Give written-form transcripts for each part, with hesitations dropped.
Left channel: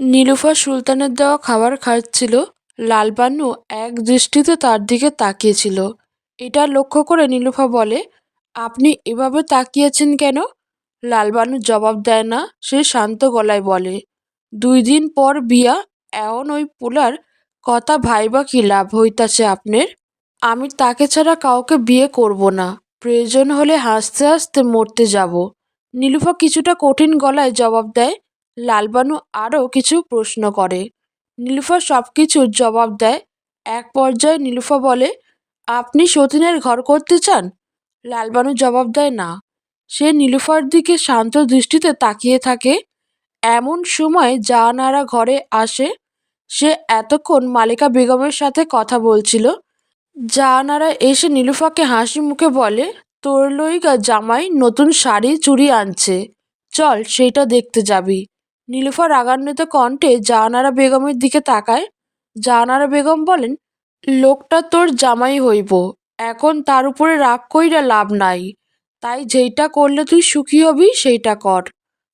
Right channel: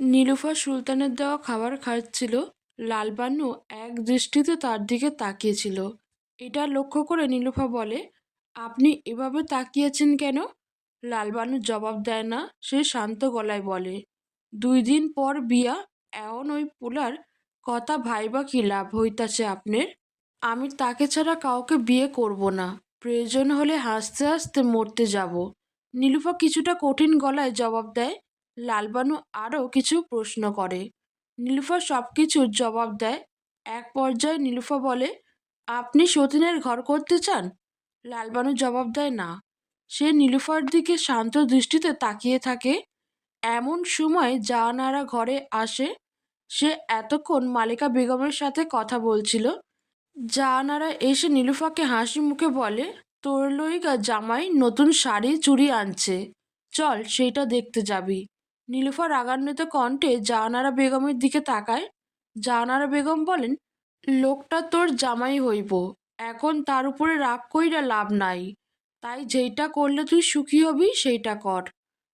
নীলুফার সুলতানের দেওয়া খাবার খাচ্ছিল। লালবানু এক দৃষ্টিতে তার দিকে তাকিয়েছিল। এটা লক্ষ্য করে নীলুফা বলে, আপনি এভাবে তাকিয়েছেন কেন? লালবানু জবাব দেয় না, সে শান্ত গলায় বলে, 2 দিন পর বিয়া, এমন ওই পোলার কথা ভাইবা কি লাভ হইতাছে আপনার? আমি তাকে ছাড়া কাউকে বিয়ে করব না। প্রয়োজন হলে হাসতে হাসতে মরতে যাব। নীলুফা কিছুটা কঠিন গলায় জবাব দেয়। লালবানু আরও কিছু প্রশ্ন করে। নীলুফা সব কিছুর জবাব দেয়। এক পর্যায়ে নীলুফা বলে, আপনি সতীনের ঘর করতে চান? লালবানু জবাব দেয় না। সে নীলুফার দিকে শান্ত দৃষ্টিতে তাকিয়ে থাকে। এমন সময় জাহানারা ঘরে আসে। সে এতক্ষণ মালিকা বেগমের সাথে কথা বলছিল। জাহানারা এসে নীলুফাকে হাসি মুখে বলে, তোর লইগা জামাই নতুন শাড়ি চুড়ি আনছে, চল সেইটা দেখতে যাবি। নীলুফা রাগান্বিত কণ্ঠে জাহানারা বেগমের দিকে তাকায়। জাহানারা বেগম বলেন, লোকটা তোর জামাই হইব, এখন তার উপরে রাগ কইরা লাভ নাই, তাই যেইটা করলে তুই সুখী হবি সেইটা কর।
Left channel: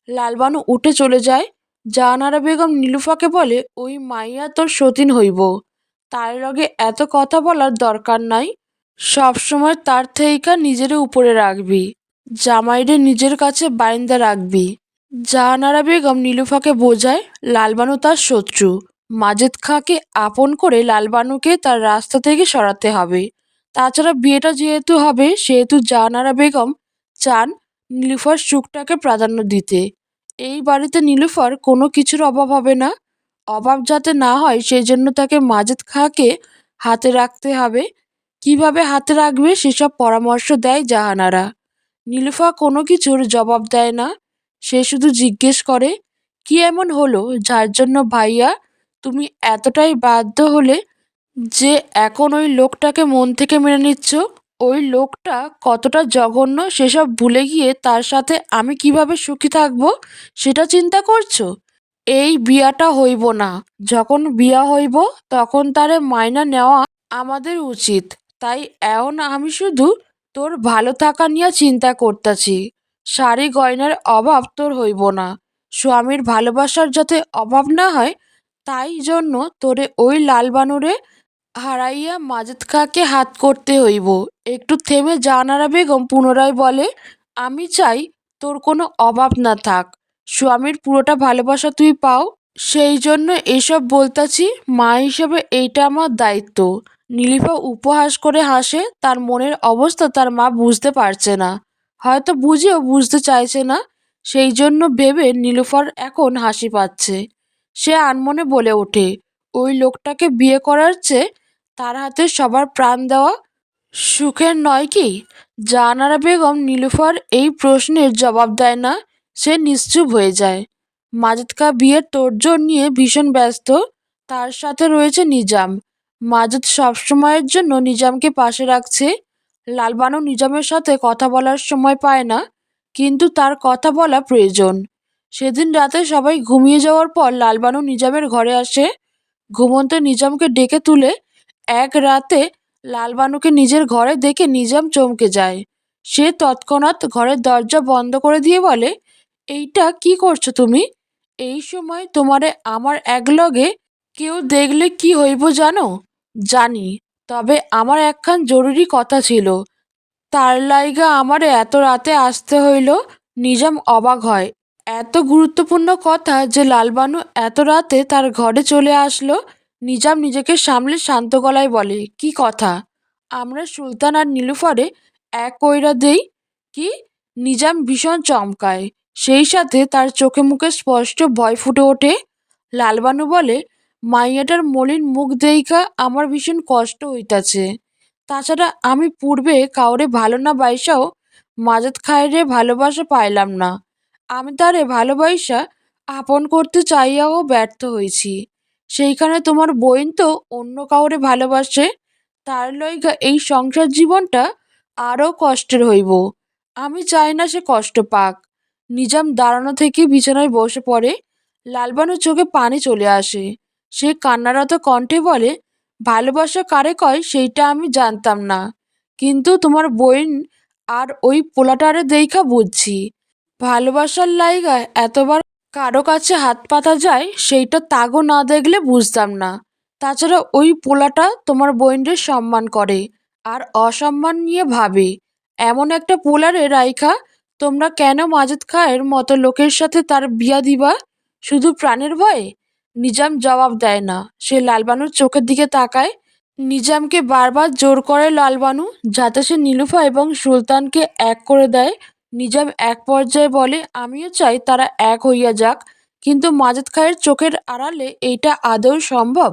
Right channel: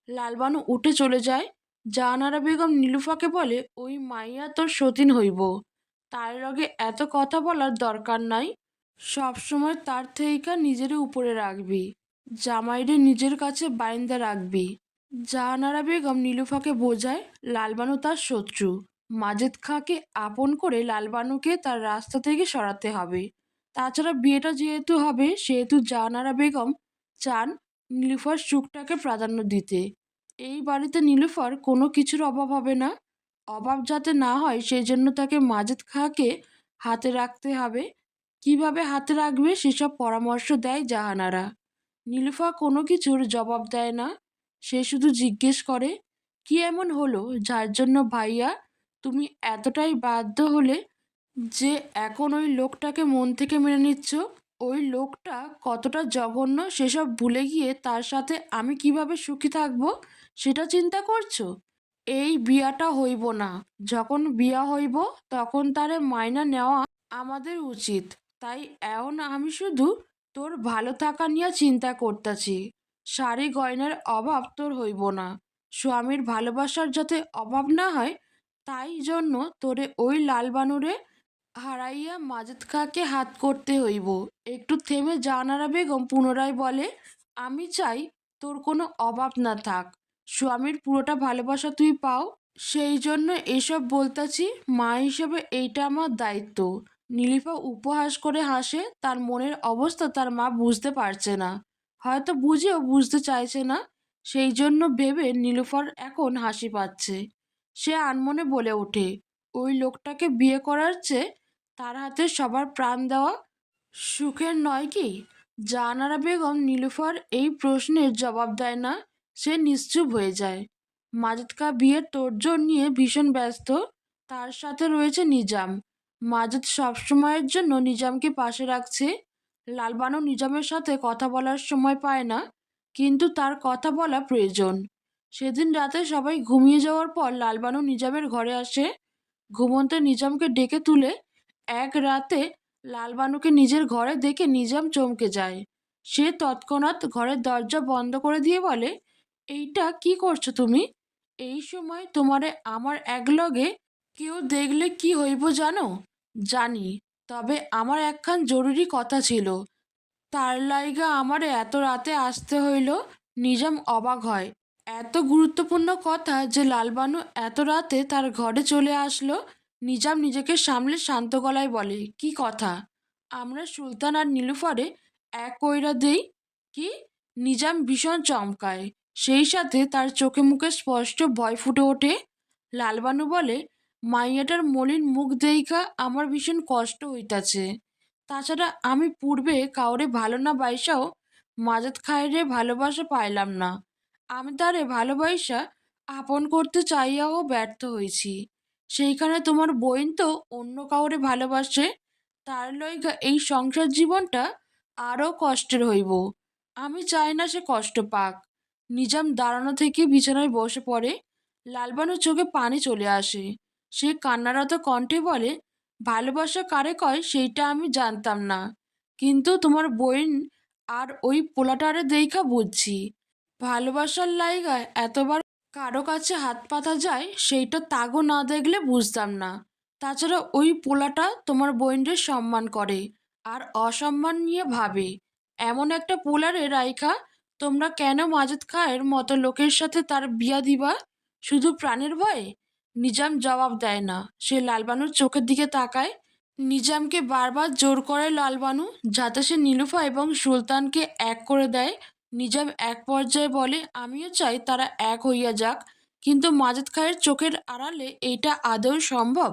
লালবানু উঠে চলে যায়। জাহানারা বেগম নীলুফাকে বলে, ওই মাইয়া তোর সতীন হইব, তার লগে এত কথা বলার দরকার নাই। সবসময় তার থেইকা নিজেরে উপরে রাখবি, জামাইরে নিজের কাছে বাইন্দা রাখবি। জাহানারা বেগম নীলুফাকে বোঝায়, লালবানু তার শত্রু। মাজেদ খাঁকে আপন করে লালবানুকে তার রাস্তা থেকে সরাতে হবে। তাছাড়া বিয়েটা যেহেতু হবে, সেহেতু জাহানারা বেগম চান নীলুফার সুখটাকে প্রাধান্য দিতে। এই বাড়িতে নীলুফার কোনো কিছুর অভাব হবে না। অভাব যাতে না হয় সেই জন্য তাকে মাজেদ খাঁকে হাতে রাখতে হবে। কিভাবে হাতে রাখবে সেসব পরামর্শ দেয় জাহানারা। নীলুফা কোনো কিছুর জবাব দেয় না। সে শুধু জিজ্ঞেস করে, কি এমন হলো যার জন্য ভাইয়া তুমি এতটাই বাধ্য হলে যে এখন ওই লোকটাকে মন থেকে মেনে নিচ্ছ? ওই লোকটা কতটা জঘন্য সেসব ভুলে গিয়ে তার সাথে আমি কিভাবে সুখী থাকবো সেটা চিন্তা করছো? এই বিয়াটা হইব না। যখন বিয়া হইব তখন তারে মাইনা নেওয়া আমাদের উচিত। তাই এখন আমি শুধু তোর ভালো থাকা নিয়ে চিন্তা করতেছি। শাড়ি গয়নার অভাব তোর হইব না। স্বামীর ভালোবাসার যাতে অভাব না হয়, তাই জন্য তোরে ওই লালবানুরে হারাইয়া মাজেদ খাঁকে হাত করতে হইব। একটু থেমে জাহানারা বেগম পুনরায় বলে, আমি চাই তোর কোনো অভাব না থাক, স্বামীর পুরোটা ভালোবাসা তুই পাও। সেই জন্য এসব বলতাছি, মা হিসেবে এইটা আমার দায়িত্ব। নীলিফা উপহাস করে হাসে। তার মনের অবস্থা তার মা বুঝতে পারছে না, হয়তো বুঝেও বুঝতে চাইছে না। সেই জন্য ভেবে নীলুফার এখন হাসি পাচ্ছে। সে আনমনে বলে ওঠে, ওই লোকটাকে বিয়ে করার চেয়ে তার হাতে সবার প্রাণ দেওয়া সুখের নয় কি? জাহানারা বেগম নীলুফার এই প্রশ্নের জবাব দেয় না। সে নিশ্চুপ হয়ে যায়। মাজেদ খাঁ বিয়ের তোড়জোড় নিয়ে ভীষণ ব্যস্ত। তার সাথে রয়েছে নিজাম। মাজেদ সবসময়ের জন্য নিজামকে পাশে রাখছে। লালবানু নিজামের সাথে কথা বলার সময় পায় না, কিন্তু তার কথা বলা প্রয়োজন। সেদিন রাতে সবাই ঘুমিয়ে যাওয়ার পর লালবানু নিজামের ঘরে আসে। ঘুমন্ত নিজামকে ডেকে তুলে এক রাতে লালবানুকে নিজের ঘরে দেখে নিজাম চমকে যায়। সে তৎক্ষণাৎ ঘরের দরজা বন্ধ করে দিয়ে বলে, এইটা কি করছো তুমি? এই সময় তোমারে আমার একলগে কেউ দেখলে কি হইব জানো? জানি, তবে আমার একখান জরুরি কথা ছিল, তার লাইগা আমারে এত রাতে আসতে হইল। নিজাম অবাক হয়। এত গুরুত্বপূর্ণ কথা যে লালবানু এত রাতে তার ঘরে চলে আসলো। নিজাম নিজেকে সামলে শান্ত গলায় বলে, কি কথা? আমরা সুলতান আর নীলুফারে এক কইরা দেই কি? নিজাম ভীষণ চমকায়। সেই সাথে তার চোখে মুখে স্পষ্ট ভয় ফুটে ওঠে। লালবানু বলে, মাইয়াটার মলিন মুখ দেইখা আমার ভীষণ কষ্ট হইতাছে। তাছাড়া আমি পূর্বে কাউরে ভালো না বাইসাও মাজেদ খায়েরে ভালোবাসা পাইলাম না। আমি তারে ভালোবাইসা আপন করতে চাইয়াও ব্যর্থ হয়েছি। সেইখানে তোমার বইন তো অন্য কাউরে ভালোবাসে, তার লইগা এই সংসার জীবনটা আরও কষ্টের হইব। আমি চাই না সে কষ্ট পাক। নিজাম দাঁড়ানো থেকে বিছানায় বসে পড়ে। লালবানুর চোখে পানি চলে আসে। সে কান্নারত কণ্ঠে বলে, ভালোবাসা কারে কয় সেইটা আমি জানতাম না, কিন্তু তোমার বইন আর ওই পোলাটারে দেইখা বুঝছি। ভালোবাসার লাইগা এতবার কারো কাছে হাত পাতা যায় সেইটা তাগো না দেখলে বুঝতাম না। তাছাড়া ওই পোলাটা তোমার বোনদের সম্মান করে আর অসম্মান নিয়ে ভাবে। এমন একটা পোলারে রাইখা তোমরা কেন মাজেদ খায়ের মতো লোকের সাথে তার বিয়া দিবা? শুধু প্রাণের ভয়ে? নিজাম জবাব দেয় না, সে লালবানুর চোখের দিকে তাকায়। নিজামকে বারবার জোর করে লালবানু যাতে সে নীলুফা এবং সুলতানকে এক করে দেয়। নিজাম এক পর্যায়ে বলে, আমিও চাই তারা এক হইয়া যাক, কিন্তু মাজেদ খায়ের চোখের আড়ালে এইটা আদৌ সম্ভব?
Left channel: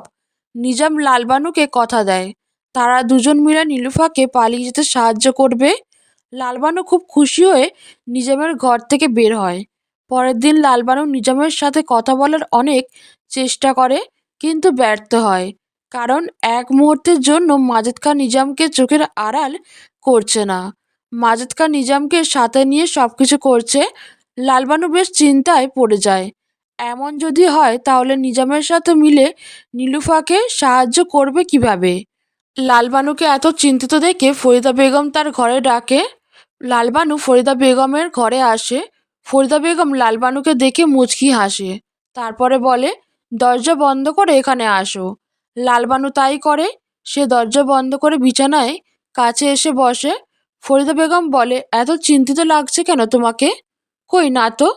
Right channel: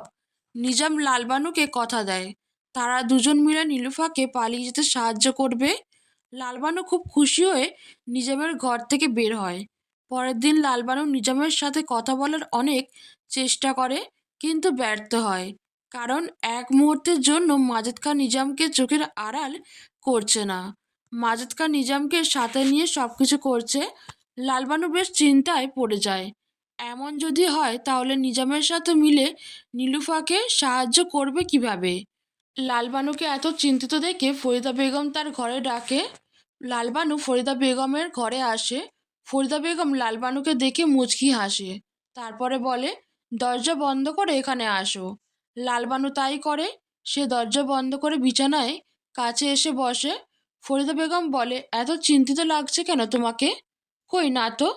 নিজাম লালবানুকে কথা দেয় তারা দুজন মিলে নীলুফাকে পালিয়ে যেতে সাহায্য করবে। লালবানু খুব খুশি হয়ে নিজামের ঘর থেকে বের হয়। পরের দিন লালবানু নিজামের সাথে কথা বলার অনেক চেষ্টা করে, কিন্তু ব্যর্থ হয়। কারণ এক মুহূর্তের জন্য মাজেদ খান নিজামকে চোখের আড়াল করছে না। মাজেদ খান নিজামকে সাথে নিয়ে সবকিছু করছে। লালবানু বেশ চিন্তায় পড়ে যায়। এমন যদি হয় তাহলে নিজামের সাথে মিলে নীলুফাকে সাহায্য করবে কিভাবে? লালবানুকে এত চিন্তিত দেখে ফরিদা বেগম তার ঘরে ডাকে। লালবানু ফরিদা বেগমের ঘরে আসে। ফরিদা বেগম লালবানুকে দেখে মুচকি হাসে। তারপরে বলে, দরজা বন্ধ করে এখানে আসো। লালবানু তাই করে। সে দরজা বন্ধ করে বিছানায় কাছে এসে বসে। ফরিদা বেগম বলে, এত চিন্তিত লাগছে কেন তোমাকে? কই না তো।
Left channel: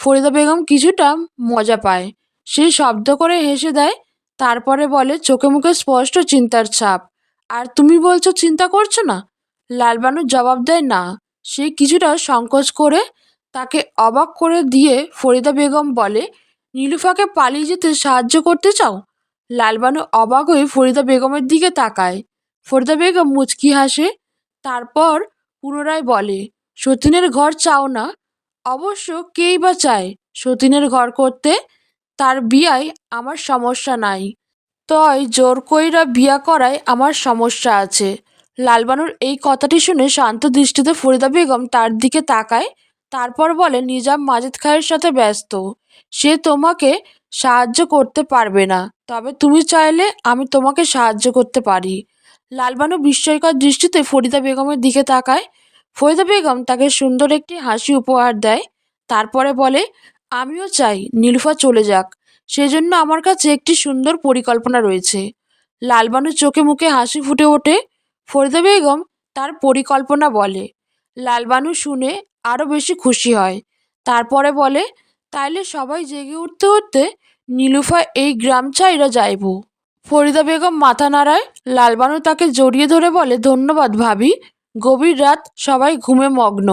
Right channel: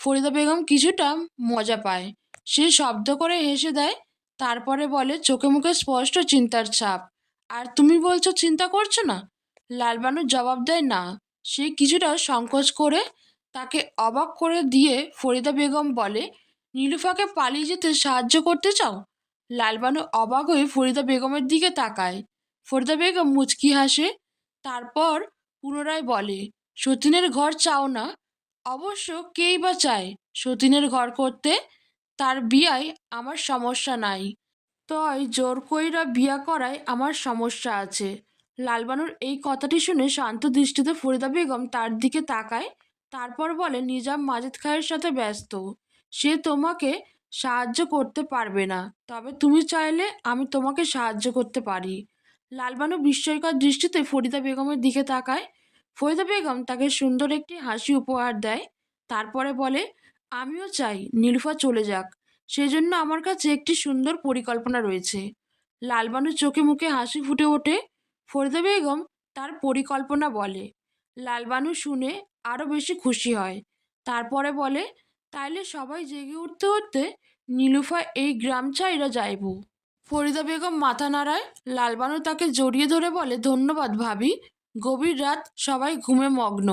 ফরিদা বেগম কিছুটা মজা পায়। সে শব্দ করে হেসে দেয়। তারপরে বলে, চোখে মুখে স্পষ্ট চিন্তার ছাপ। আর তুমি বলছো চিন্তা করছো না? লালবানু জবাব দেয় না। সে কিছুটা সংকোচ করে তাকে অবাক করে দিয়ে ফরিদা বেগম বলে, নীলুফাকে পালিয়ে যেতে সাহায্য করতে চাও? লালবানু অবাক হয়ে ফরিদা বেগমের দিকে তাকায়। ফরিদা বেগম মুচকি হাসে। তারপর পুনরায় বলে, সতীনের ঘর চাও না? অবশ্য কেই বা চায় সতীনের ঘর করতে? তার বিয়ায় আমার সমস্যা নাই, তয় জোর কইরা বিয়া করায় আমার সমস্যা আছে। লালবানুর এই কথাটি শুনে শান্ত দৃষ্টিতে ফরিদা বেগম তার দিকে তাকায়। তারপর বলে, নিজাম মাজেদ খায়ের সাথে ব্যস্ত, সে তোমাকে সাহায্য করতে পারবে না। তবে তুমি চাইলে আমি তোমাকে সাহায্য করতে পারি। লালবানু বিস্ময়কর দৃষ্টিতে ফরিদা বেগমের দিকে তাকায়। ফরিদা বেগম তাকে সুন্দর একটি হাসি উপহার দেয়। তারপরে বলে, আমিও চাই নীলুফা চলে যাক, সেজন্য আমার কাছে একটি সুন্দর পরিকল্পনা রয়েছে। লালবানুর চোখে মুখে হাসি ফুটে ওঠে। ফরিদা বেগম তার পরিকল্পনা বলে। লালবানু শুনে আরও বেশি খুশি হয়। তারপরে বলে, তাইলে সবাই জেগে উঠতে উঠতে নীলুফা এই গ্রাম ছাইরা যাইব। ফরিদা বেগম মাথা নাড়ায়। লালবানু তাকে জড়িয়ে ধরে বলে, ধন্যবাদ ভাবি। গভীর রাত, সবাই ঘুমে মগ্ন।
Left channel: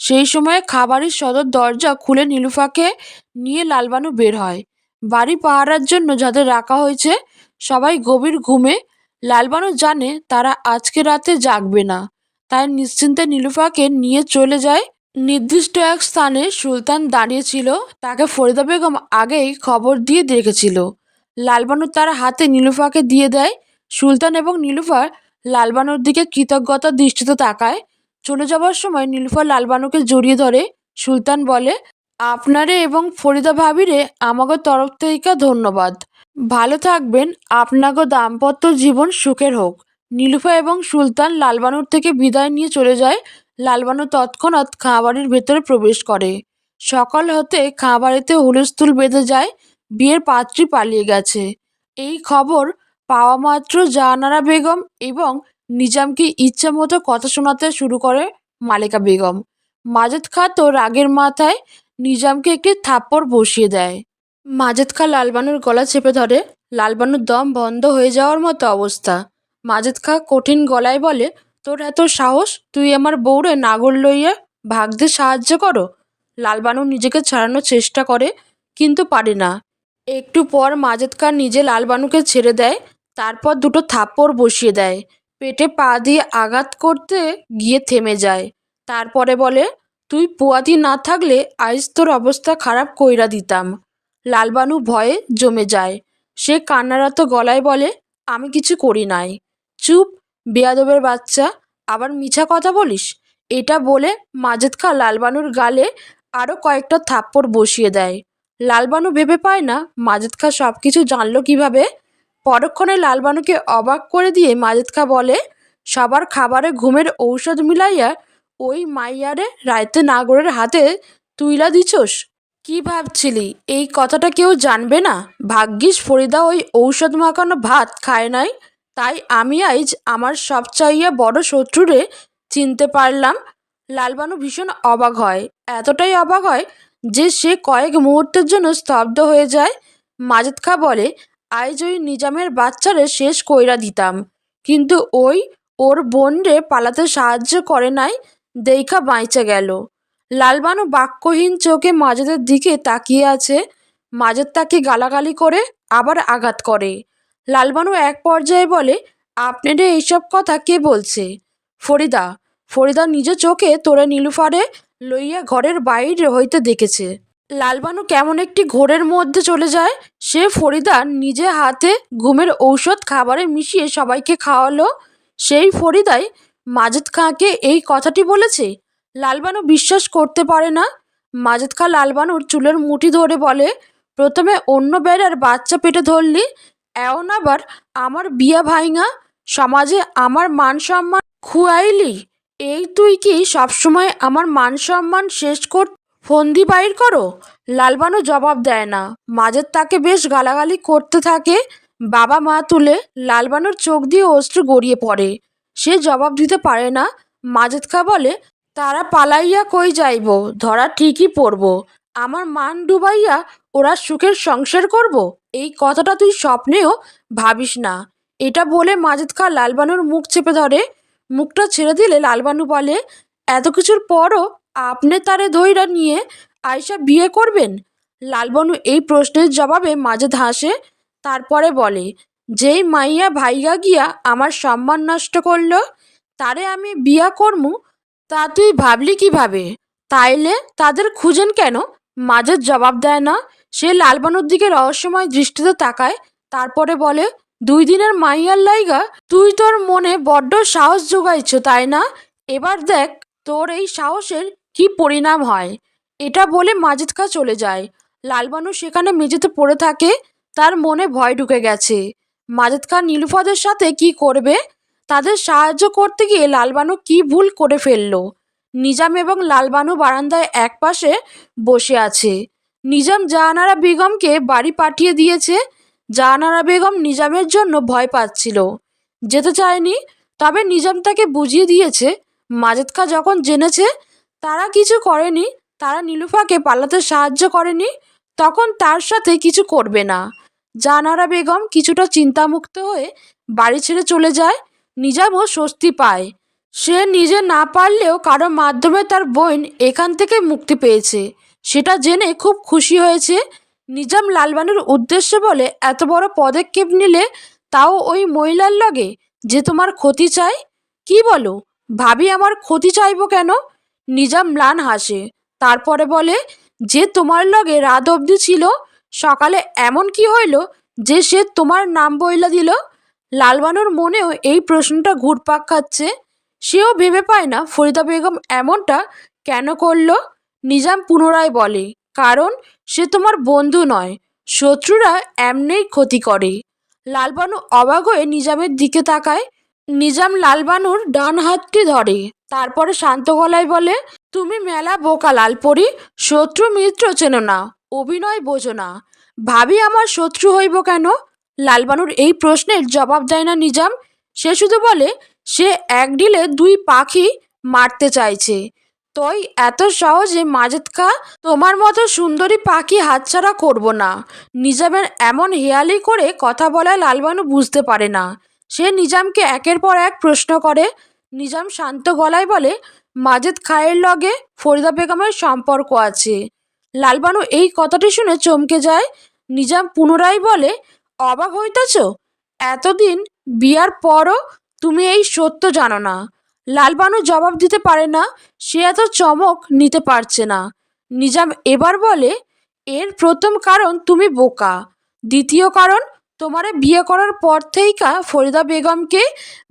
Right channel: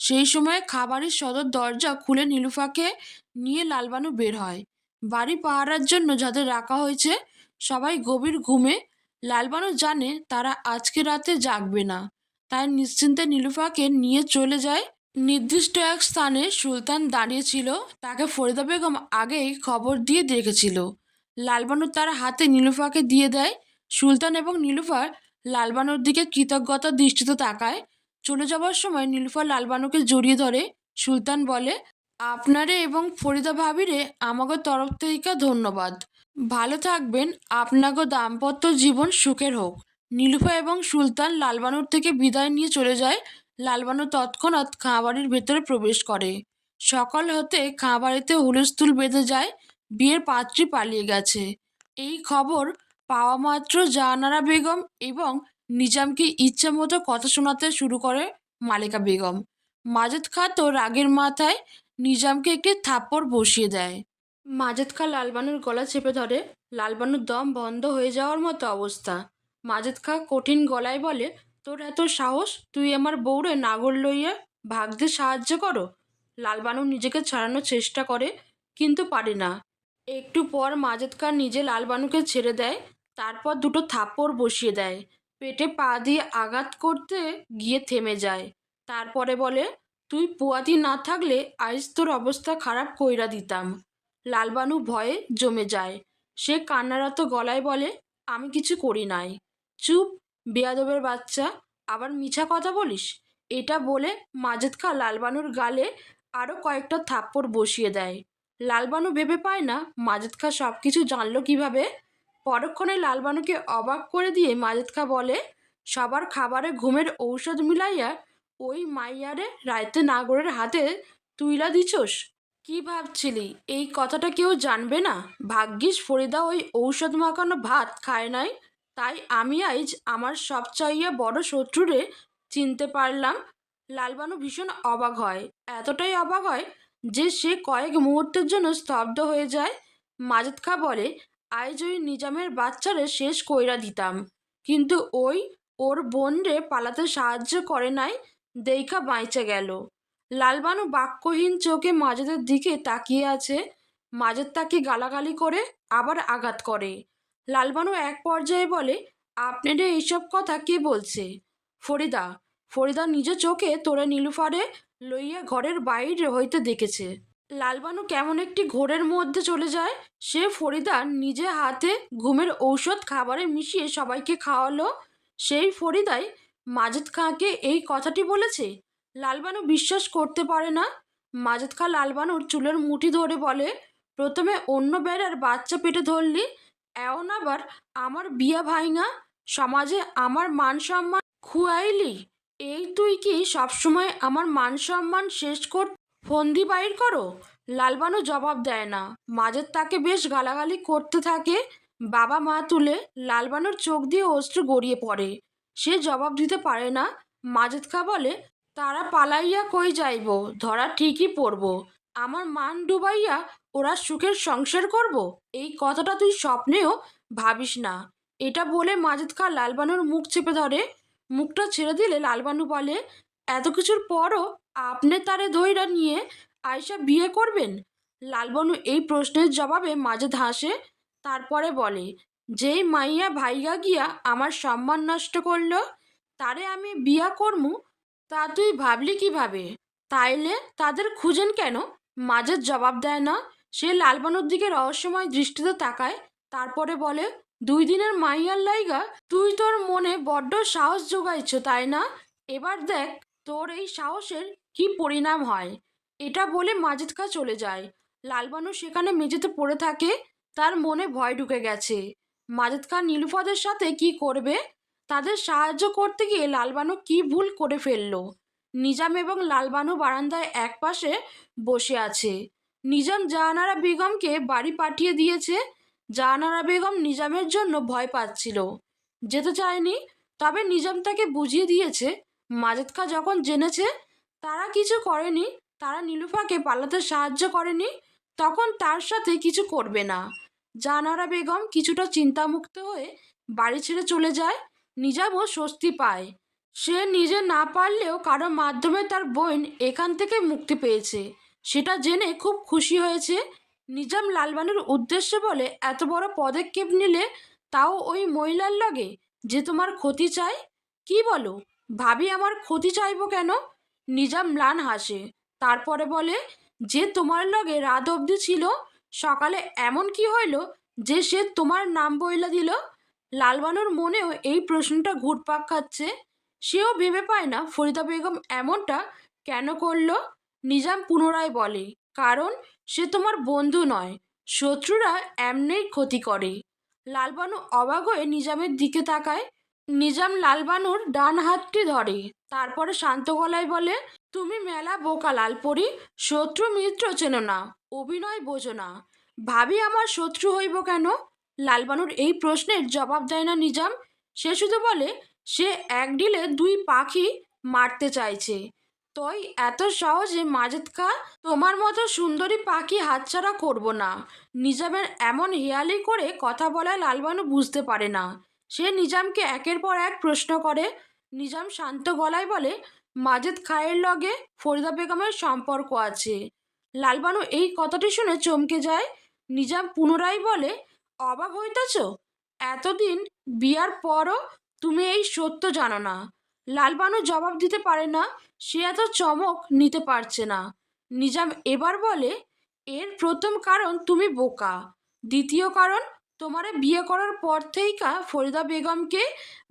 সেই সময় খাবারের সদর দরজা খুলে নীলুফাকে নিয়ে লালবানু বের হয়। বাড়ি পাহারার জন্য যাদের রাখা হয়েছে সবাই গভীর ঘুমে। লালবানু জানে তারা আজকে রাতে জাগবে না, তাই নিশ্চিন্তে নীলুফাকে নিয়ে চলে যায়। নির্দিষ্ট এক স্থানে সুলতান দাঁড়িয়েছিল, তাকে ফরিদা বেগম আগেই খবর দিয়ে রেখেছিল। লালবানু তার হাতে নীলুফাকে দিয়ে দেয়। সুলতান এবং নীলুফা লালবানুর দিকে কৃতজ্ঞতার দৃষ্টিতে তাকায়। চলে যাবার সময় নীলুফা লালবানুকে জড়িয়ে ধরে। সুলতান বলে, আপনারে এবং ফরিদা ভাবিরে আমাগো তরফ থেকে ধন্যবাদ। ভালো থাকবেন, আপনাগো দাম্পত্য জীবন সুখের হোক। নীলুফা এবং সুলতান লালবানুর থেকে বিদায় নিয়ে চলে যায়। লালবানু তৎক্ষণাৎ খাঁবাড়ির ভেতরে প্রবেশ করে। সকাল হতে খাঁবাড়িতে হুলস্থুল বেঁধে যায়। বিয়ের পাত্রী পালিয়ে গেছে এই খবর পাওয়া মাত্র জাহানারা বেগম এবং নিজামকে ইচ্ছা মতো কথা শোনাতে শুরু করে মালেকা বেগম। মাজেদ খাঁ তো রাগের মাথায় নিজামকে একটি থাপ্পড় বসিয়ে দেয়। মাজেদ খাঁ লালবানুর গলা চেপে ধরে। লালবানুর দম বন্ধ হয়ে যাওয়ার মতো অবস্থা। মাজেদ খাঁ কঠিন গলায় বলে, তোর এত সাহস, তুই আমার বউরে নাগর লইয়া ভাগতে সাহায্য করো? লালবানু নিজেকে ছাড়ানোর চেষ্টা করে, কিন্তু পারে না। একটু পর মাজেদ খাঁ নিজে লালবানুকে ছেড়ে দেয়। তারপর দুটো থাপ্পড় বসিয়ে দেয়। পেটে পা দিয়ে আঘাত করতে গিয়ে থেমে যায়। তারপরে বলে, তুই পোয়াতি না থাকলে আজ তোর অবস্থা খারাপ কইরা দিতাম। লালবানু ভয়ে জমে যায়। সে কান্নারত গলায় বলে, আমি কিছু করি নাই। চুপ, বেয়াদবের বাচ্চা, আবার মিছা কথা বলিস? এটা বলে মাজেদ খাঁ লালবানুর গালে আরও কয়েকটা থাপ্পড় বসিয়ে দেয়। লালবানু ভেবে পায় না মাজেদ খাঁ সব কিছু জানলো কিভাবে। পরক্ষণে লালবানুকে অবাক করে দিয়ে মাজেদ খাঁ বলে, সবার খাবারে ঘুমের ঔষধ মিলাইয়া ওই মাইয়ারে রাইতে নাগরের হাতে তুইলা দিছস? কি ভাবছিলি এই কথাটা কেউ জানবে না? ভাগ্যিস ফরিদা ওই ঔষধ মাখানো ভাত খায় নাই, তাই আমি আজ আমার সবচাইয়ে বড় শত্রুরে চিনতে পারলাম। লালবানু ভীষণ অবাক হয়, এতটাই অবাক হয় যে সে কয়েক মুহূর্তের জন্য স্তব্ধ হয়ে যায়। মাজেদ খা বলে, আজ ওই নিজামের বাচ্চারে শেষ কইরা দিতাম, কিন্তু ওই ওর বোন রে পালাতে সাহায্য করে নাই, দেইখা বাইচে গেল। লালবানু বাক্যহীন চোখে মাজেদের দিকে তাকিয়ে আছে। মাজেদ তাকে গালাগালি করে আবার আঘাত করে। লালবানু এক পর্যায়ে বলে, আপনারে এইসব কথা কে বলছে? ফরিদা। ফরিদা নিজ চোখে তোরে নীলুফারে লইয়া ঘরের বাইরে হইতে দেখেছে। লালবানু কেমন একটি ঘোরের মধ্যে চলে যায়। সে ফরিদা নিজে হাতে ঘুমের ঔষধ খাবারে মিশিয়ে সবাইকে খাওয়ালো। সেই ফরিদাই মাজেদ খাঁকে এই কথাটি বলেছে। লালবানু বিশ্বাস করতে পারে না। মাজেদ খাঁ লালবানুর চুলের মুঠি ধরে বলে, প্রথমে অন্য বেড়ার বাচ্চা পেটে ধরলি, এমন আবার আমার বিয়া ভাইঙা সমাজে আমার মান সম্মান খুয়াইলি। এই তুই কি সবসময় আমার মান সম্মান শেষ কর ফন্দি বাইর করো? লালবানু জবাব দেয় না। মাজেদ তাকে বেশ গালাগালি করতে থাকে। বাবা মা তুলে লালবানুর চোখ দিয়ে অশ্রু গড়িয়ে পড়ে। সে জবাব দিতে পারে না। মাজেদ খা বলে, তারা পালাইয়া কই যাইব, ধরা ঠিকই পড়ব। আমার মান ডুবাইয়া ওরা সুখের সংসার করব, এই কথাটা তুই স্বপ্নেও ভাবিস না। এটা বলে মাজেদ খা লালবানুর মুখ চেপে ধরে। মুখটা ছেড়ে দিলে লালবানু বলে, এত কিছুর পরও আপনি তারে ধইরা নিয়ে আয়সা বিয়ে করবেন? লালবানু এই প্রশ্নের জবাবে মাজেদ হাসে। তারপরে বলে, যেই মাইয়া ভাইগা গিয়া আমার সম্মান নষ্ট করলো, তারে আমি বিয়া করমু, তা তুই ভাবলি কিভাবে? তাইলে তাদের খুঁজেন কেন? মাজেদ জবাব দেয় না। সে লালবানুর দিকে রহস্যময় দৃষ্টিতে তাকায়। তারপরে বলে, 2 দিনের মাইয়ার লাইগা তুই তোর মনে বড্ড সাহস জোগাইছ, তাই না? এবার দেখ তোর এই সাহসের কি পরিণাম হয়। এটা বলে মাজেদ খা চলে যায়। লালবানু সেখানে মেঝেতে পড়ে থাকে। তার মনে ভয় ঢুকে গেছে। মাজেদ খা নীলুফাদের সাথে কি করবে? তাদের সাহায্য করতে গিয়ে লালবানু কি ভুল করে ফেললো? নিজাম এবং লালবানু বারান্দায় একপাশে বসে আছে। নিজাম জাহানারা বেগমকে বাড়ি পাঠিয়ে দিয়েছে। জাহানারা বেগম নিজামের জন্য ভয় পাচ্ছিল, যেতে চায়নি। তবে নিজাম তাকে বুঝিয়ে দিয়েছে, মাজেদ খা যখন জেনেছে তারা কিছু করেনি, তারা নীলুফাকে পালাতে সাহায্য করেনি, তখন তার সাথে কিছু করবে না। জাহানারা বেগম কিছুটা চিন্তামুক্ত হয়ে বাড়ি ছেড়ে চলে যায়। নিজামও স্বস্তি পায়। সে নিজে না পারলেও কারো মাধ্যমে তার বোন এখান থেকে মুক্তি পেয়েছে, সেটা জেনে খুব খুশি হয়েছে। নিজাম লালবানুর উদ্দেশ্যে বলে, এত বড় পদক্ষেপ নিলে, তাও ওই মহিলার লগে, যে তোমার ক্ষতি চায়? কি বলো? ভাবি আমার ক্ষতি চাইব কেন? নিজাম ম্লান হাসে। তারপরে বলে, যে তোমার লগে রাত অবধি ছিল, সকালে এমন কি হইল যে সে তোমার নাম বইলা দিল? লালবানুর মনেও এই প্রশ্নটা ঘুরপাক খাচ্ছে। সেও ভেবে পায় না ফরিদা বেগম এমনটা কেন করল। নিজাম পুনরায় বলে, কারণ সে তোমার বন্ধু নয়, শত্রুরা এমনিই ক্ষতি করে। লালবানু অবাক হয়ে নিজামের দিকে তাকায়। নিজাম লালবানুর ডান হাতটি ধরে। তারপরে শান্ত গলায় বলে, তুমি মেলা বোকা লালপরি, শত্রু মিত্র চেনো না, অভিনয় বোঝো না। ভাবি আমার শত্রু হইব কেন? লালবানুর এই প্রশ্নের জবাব দেয় না নিজাম। সে শুধু বলে, সে এক ঢিলে 2 পাখি মারতে চাইছে। তুই এত সহজে মাজেদ খা তোমার মতো সুন্দরী পাখি হাতছাড়া করব না। নিজামের এমন হেয়ালি করে কথা বলায় লালবানু বুঝতে পারে না। সে নিজামকে একের পর এক প্রশ্ন করে। নিজাম শান্ত গলায় বলে, মাজেদ খায়ের লগে ফরিদা বেগমের সম্পর্ক আছে। লালবানু এই কথাটি শুনে চমকে যায়। নিজাম পুনরায় বলে, অবাক হইতেছ? এতদিন বিয়ার পরও তুমি এই সত্য জানো না? লালবানু জবাব দিতে পারে না। সে এত চমক নিতে পারছে না। নিজাম এবার বলে, এর প্রথম কারণ তুমি বোকা। দ্বিতীয় কারণ, তোমারে বিয়ে করার পর থেইকা ফরিদা বেগমকে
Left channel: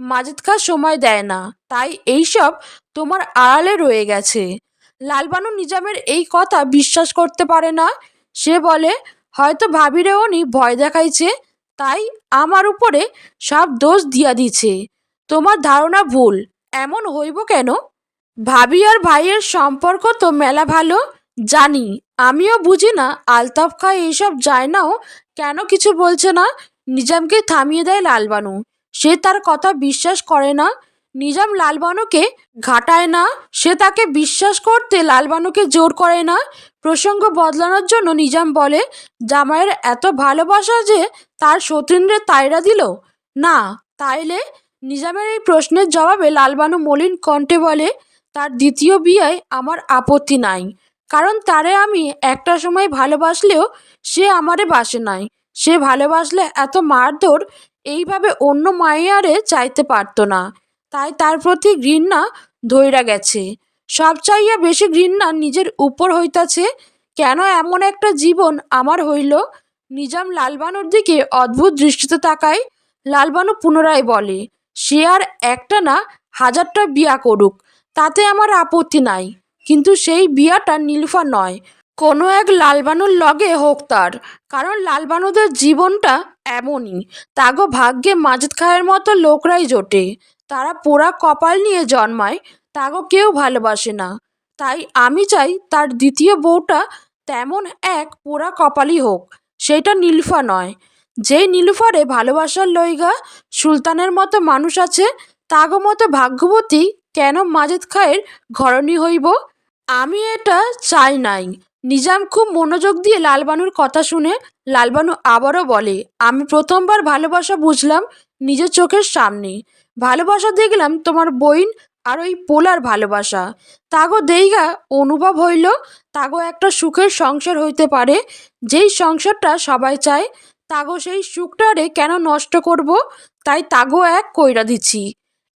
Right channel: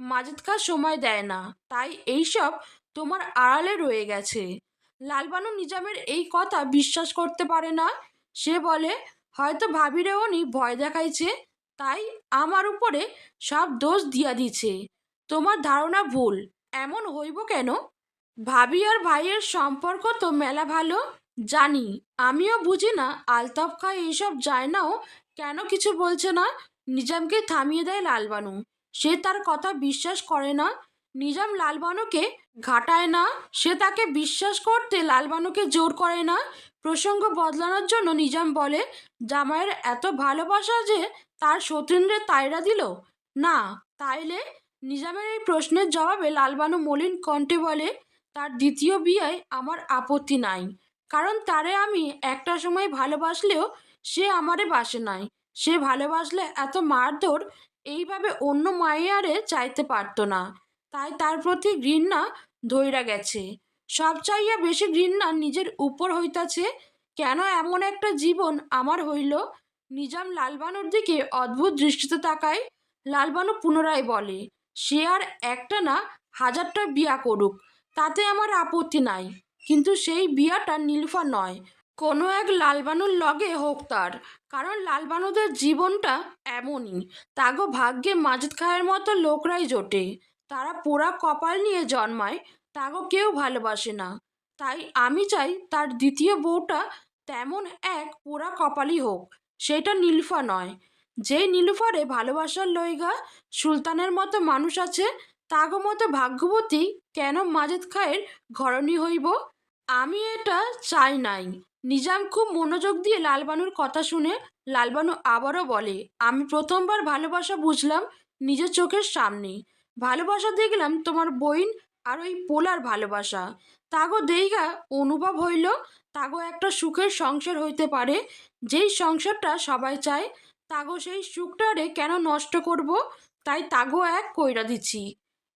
মাজেদ খা সময় দেয় না, তাই এইসব তোমার আড়ালে রয়ে গেছে। লালবানু নিজামের এই কথা বিশ্বাস করতে পারে না। সে বলে, হয়তো ভাবিরে উনি ভয় দেখাইছে, তাই আমার উপরে সব দোষ দিয়া দিছে। তোমার ধারণা ভুল। এমন হইব কেন? ভাবি আর ভাইয়ের সম্পর্ক তো মেলা ভালো, জানি। আমিও বুঝি না আলতাফ খা এইসব যায় নাও কেন কিছু বলছে না। নিজামকে থামিয়ে দেয় লালবানু। সে তার কথা বিশ্বাস করে না। নিজাম লালবানুকে ঘাটায় না। সে তাকে বিশ্বাস করতে লালবানুকে জোর করে না। প্রসঙ্গ বদলানোর জন্য নিজাম বলে, জামাইয়ের এত ভালোবাসা যে তার সতীন্দ্রের তাইরা দিল না। তাইলে নিজামের এই প্রশ্নের জবাবে লালবানু মলিন কণ্ঠে বলে, তার দ্বিতীয় বিয়েয় আমার আপত্তি নাই। কারণ তারে আমি একটা সময় ভালোবাসলেও সে আমারে বাসে নাই। সে ভালোবাসলে এত মারধর এইভাবে অন্য মাইয়ারে চাইতে পারতো না। তাই তার প্রতি ঘৃণা ধইরা গেছে। সব চাইয়া বেশি ঘৃণা নিজের উপর হইতাছে। কেন এমন একটা জীবন আমার হইল। নিজাম লালবানুর দিকে অদ্ভুত দৃষ্টিতে তাকায়। লালবানু পুনরায় বলে, সে আর একটা না হাজারটা বিয়া করুক, তাতে আমার আপত্তি নাই। কিন্তু সেই বিয়াটা নীলুফার নয়, কোনো এক লালবানুর লগে হোক তার। কারণ লালবানুদের জীবনটা এমনই। তাগো ভাগ্যে মাজেদ খায়ের মতো লোকরাই জোটে। তারা পোড়া কপাল নিয়ে জন্মায়, তাগো কেউ ভালোবাসে না। তাই আমি চাই তার দ্বিতীয় বউটা তেমন এক পোড়া কপালই হোক, সেটা নীলুফা নয়। যেই নীলুফারে ভালোবাসার লইগা সুলতানের মতো মানুষ আছে, তাগো মতো ভাগ্যবতী কেন মাজেদ খায়ের ঘরণী হইব। আমি এটা চাই নাই। নিজাম খুব মনোযোগ দিয়ে লালবানুর কথা শুনে। লালবানু আবারও বলে, আমি প্রথমবার ভালোবাসা বুঝলাম নিজের চোখের সামনে। ভালোবাসা দেখলাম তোমার বইন আর ওই পোলার ভালোবাসা। তাগো দেইগা অনুভব হইল তাগো একটা সুখের সংসার হইতে পারে, যেই সংসারটা সবাই চায়। তাগো সেই সুখটারে কেন নষ্ট করব। তাই তাগো এক কইরা দিচ্ছি।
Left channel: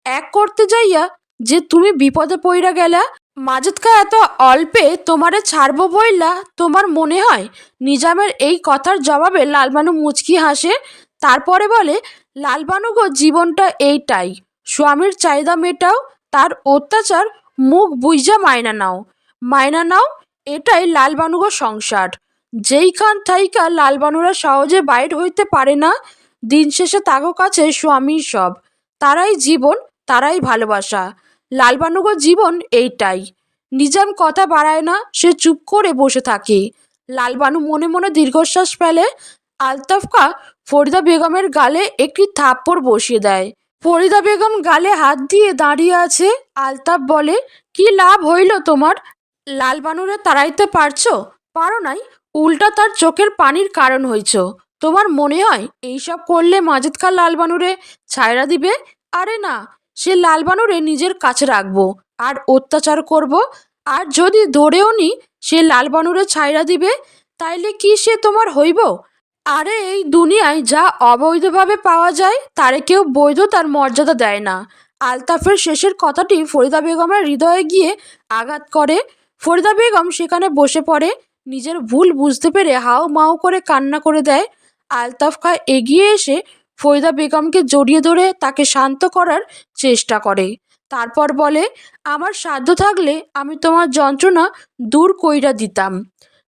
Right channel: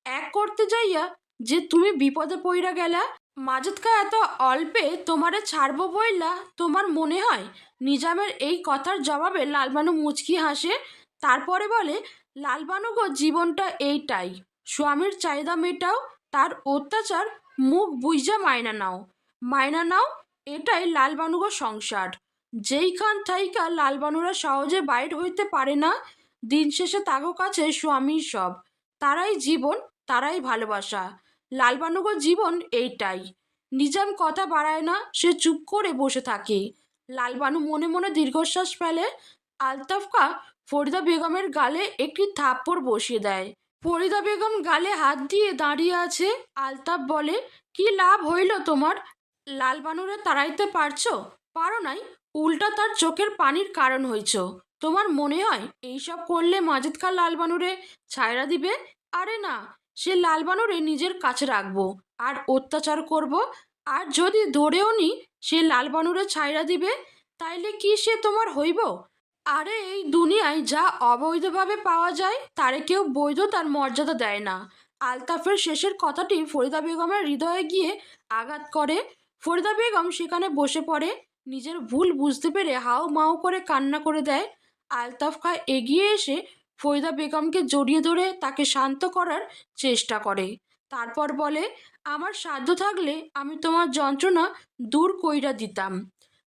এক করতে যাইয়া যে তুমি বিপদে পইরা গেলা। মাজেদ খা এত অল্পে তোমারে ছাড়বো বইলা তোমার মনে হয়? নিজামের এই কথার জবাবে লালবানু মুচকি হাসে। তারপরে বলে, লালবানু গো, জীবনটা এইটাই। স্বামীর চাহিদা মেটাও, তার অত্যাচার মুখ বুইজা মাইনা নাও। মাইনা নাও, এটাই লালবানু গো সংসার। যেইখান থাইকা লালবানুরা সহজে বাইর হইতে পারে না। দিন শেষে তাগো কাছে স্বামী সব। তারাই জীবন, তারাই ভালোবাসা। লালবানুগো জীবন এইটাই। নিজাম কথা বাড়ায় না, সে চুপ করে বসে থাকে। লালবানু মনে মনে দীর্ঘশ্বাস ফেলে। আলতাফ খা ফরিদা বেগমের গালে একটি থাপ্পড় বসিয়ে দেয়। ফরিদা বেগম গালে হাত দিয়ে দাঁড়িয়ে আছে। আলতাফ বলে, কি লাভ হইল তোমার? লালবানুরে তাড়াইতে পারছো? পারো নাই, উল্টা তার চোখের পানির কারণ হইছ। তোমার মনে হয় এইসব করলে মাজেদ খা লালবানুরে ছায়রা দিবে? আরে না, সে লালবানুরে নিজের কাছে রাখবো আর অত্যাচার করব। আর যদি ধরেও নি সে লালবানুরে ছাইরা দিবে, তাইলে কি সে তোমার হইব? আরে এই দুনিয়ায় যা অবৈধভাবে পাওয়া যায় তারে কেউ বৈধ তার মর্যাদা দেয় না। আলতাফের শেষের কথাটি ফরিদা বেগমের হৃদয়ে গিয়ে আঘাত করে। ফরিদা বেগম সেখানে বসে পড়ে। নিজের ভুল বুঝতে পেরে হাউ মাউ করে কান্না করে দেয়। আলতাফ খা এগিয়ে এসে ফরিদা বেগমকে জড়িয়ে ধরে তাকে শান্ত করার চেষ্টা করে। তারপর বলে, আমার সাধ্য থাকলে আমি তোমার যন্ত্রণা দূর কইরা দিতাম।